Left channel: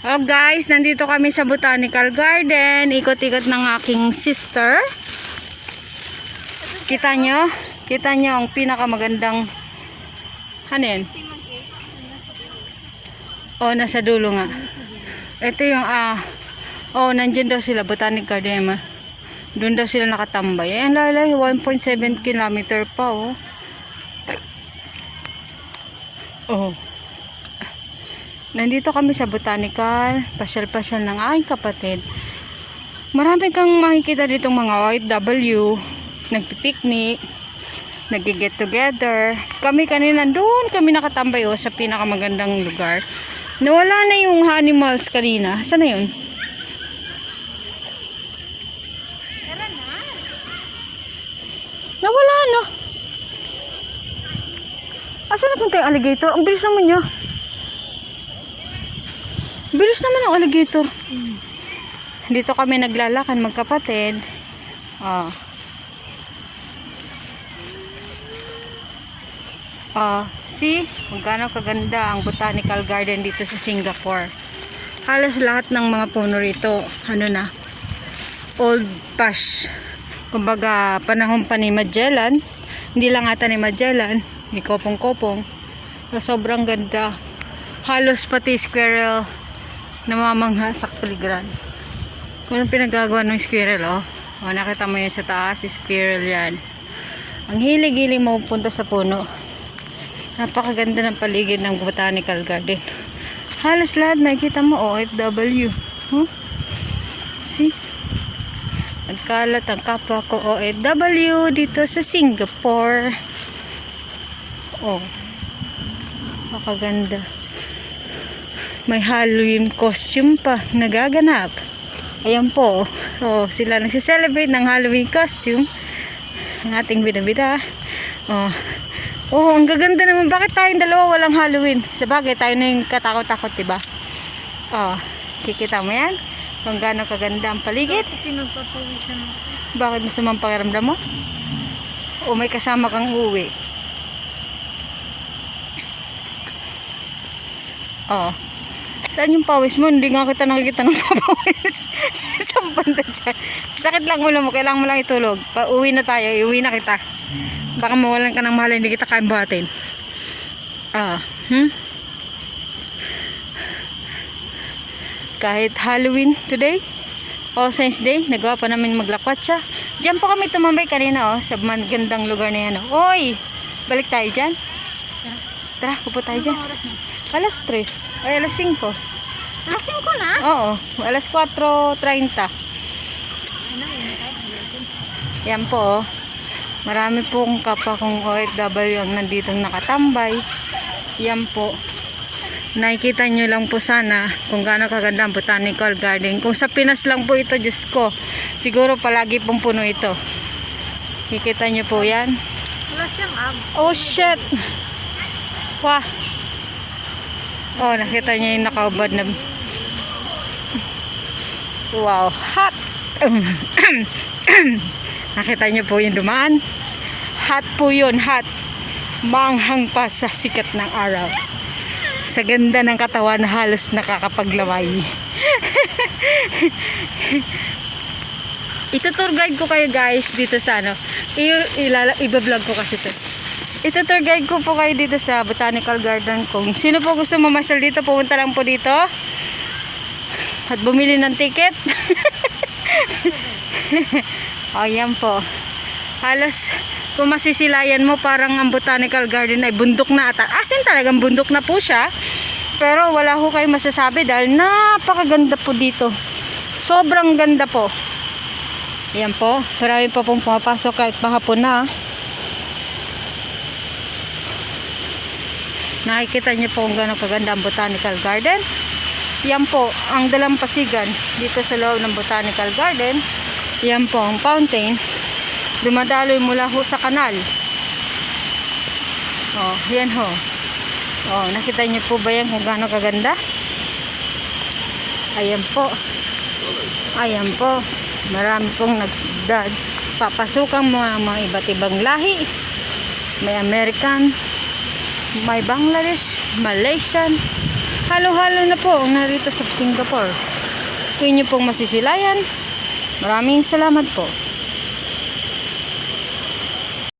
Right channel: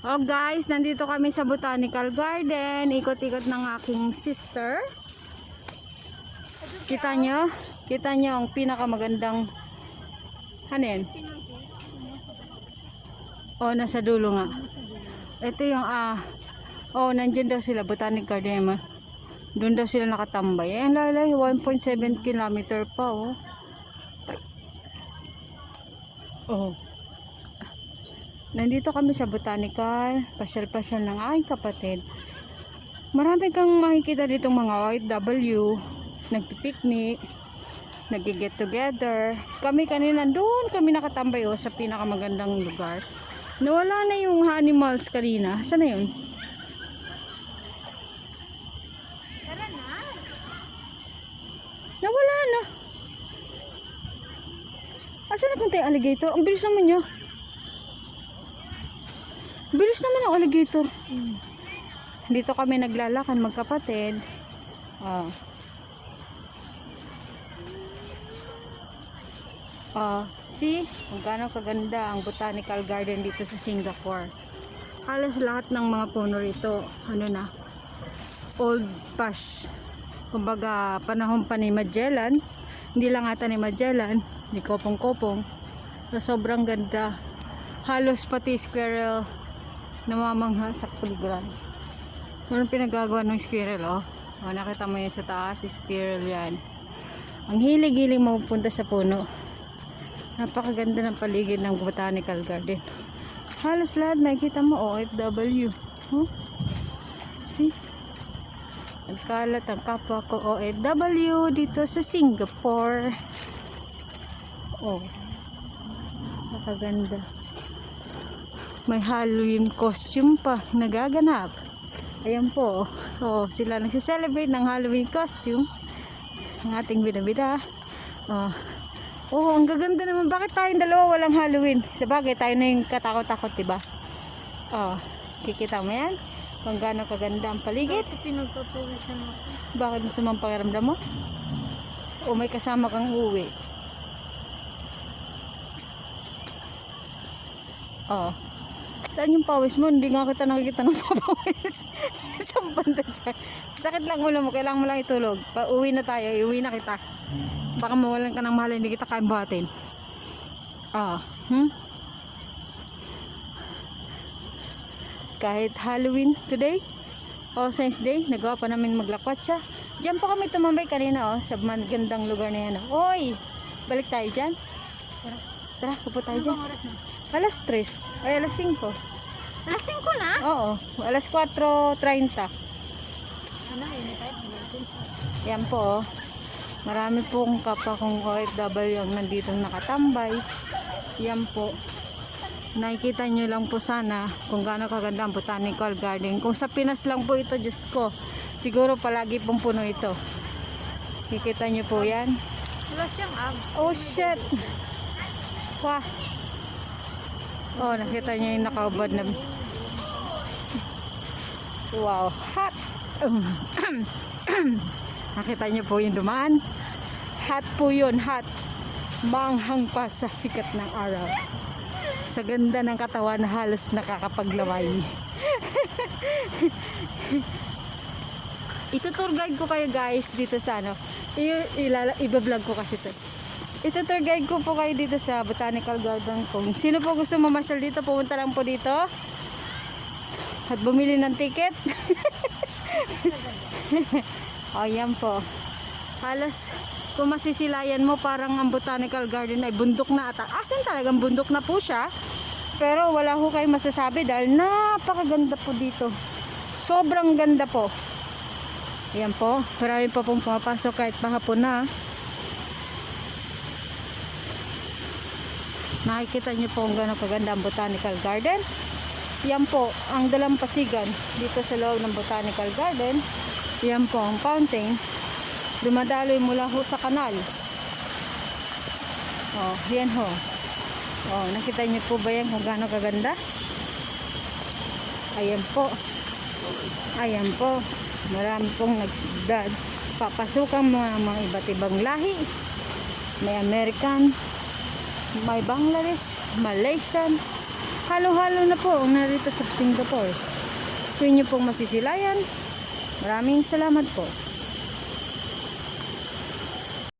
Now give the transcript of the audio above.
Oh guys, nandito kami sa Botanical Garden. Ikot-ikot ng aking sister. Kita nyo? Kita nyo ang pinakamagandang hanin. Oh, nasa dulo nga. Ito yung nandyan daw sila, Botanic Garden. Doon daw sila nakatambay. Ayan, lalay, 1.7 kilometer pa, oh. Oh. Nandito kami sa Botanical, pasyal-pasyal ng aking kapatid. Marami kang makikita ditong mga OFW, nagpipiknik, nag-get together. Kami kanina doon kami nakatambay sa pinakamagandang lugar. Nawala na yung animals kanina. Saan na yun? Nawala no. Asan na punta yung alligator? Ang bilis naman niya. Bilis naman ang alligator. Dito kami naglalakad magkapatid. See? Kung gaano kaganda ang Botanical Garden dito sa Singapore. Halos lahat ng mga puno rito, old pash. Kumbaga, panahon pa ni Magellan. Hindi lang ata ni Magellan, ni Kopong-Kopong. So, sobrang ganda. Halos pati squirrel namamangha sa paligiran. Kung anong pinagagawa ng squirrel, nakita mo yun sa taas, squirrel yan. Ang hilig-hilig mapupunta sa puno. Napakaganda ng paligid ng Botanical Garden. Halos lahat nakikita mo OFW. See? Nagkalat ang kapwa ko OFW dito sa Singapore. Napakaganda. May Halloween costume pa nagaganap. Ayan po. Sila nagse-celebrate ng Halloween costume. Ang ating bida-bida. Ang gaganda naman. Bakit tayong dalawa walang Halloween? Sabagay, tayo na yung katakot-takot, diba? Kikita mo yan? Kung gaano kaganda ang paligid. Bakit masama ang pakiramdam mo? O may kasama kang uwi? Saan yung pawis mo? Hindi nga kita nakikita ng pawis. Saan banda dyan? Sakit lang ulo mo. Kailangan mo lang itulog. Uwi na tayo. Iuwi na kita. Baka mawalan ka ng mahal. Hindi kita kayang buhatin. Kahit Halloween today, All Saints Day, nagawa pa namin maglakwatsa. Diyan po kami tumambay kanina sa magandang lugar na yan. Oy! Balik tayo dyan. Tara, pupo tayo dyan. Alas 3. Ay, alas 5. Alas 5 na? Oo, alas 4:30. Yan po, marami pong kapwa kong OFW ang nandito nakatambay. Yan po. Nakikita nyo lang po sana kung gaano kaganda ang Botanical Garden. Kung sa Pinas lang po ito, Diyos ko, siguro palagi pong puno ito. Kikita nyo po yan. Wala siyang abs. Oh shit! Wah! Nakita niya yung nakaubad na. Wow, hot! Nakita niyo po yung dumaan? Hot po yun, hot. Manghang pa sa sikat ng araw. Sa ganda ng katawan, halos nakakapaglamay. Ito-tour guide ko kayo guys dito sa i-vlog ko kasi ito. Ito-tour guide ko po kayo dito sa Botanical Garden. Kung sino po gusto mamasyal dito, pumunta lang po dito at bumili ng ticket. Yan po. Halos kung masisilayan mo, parang ang Botanical Garden ay bundok na ata. Asin talagang bundok na po siya. Pero wala ho kayo masasabi dahil napakaganda po dito. Sobrang ganda po. Yan po. Marami pa pong pumapasok kahit mahapon na. Nakikita niyo po kung gano'ng kaganda ang Botanical Garden. Yan po ang dalampasigan dito sa loob ng Botanical Garden. Yan po ang fountain. Dumadaloy mula ho sa kanal. Yan ho. Nakita niyo po ba yan kung gano'ng kaganda? Ayan po. Ayan po. Marami pong papasukang mga iba't ibang lahi. May American, may Bangladesh, Malaysian, halo-halo na po ang narito sa Singapore. Kung inyo pong masisilayan, maraming salamat po.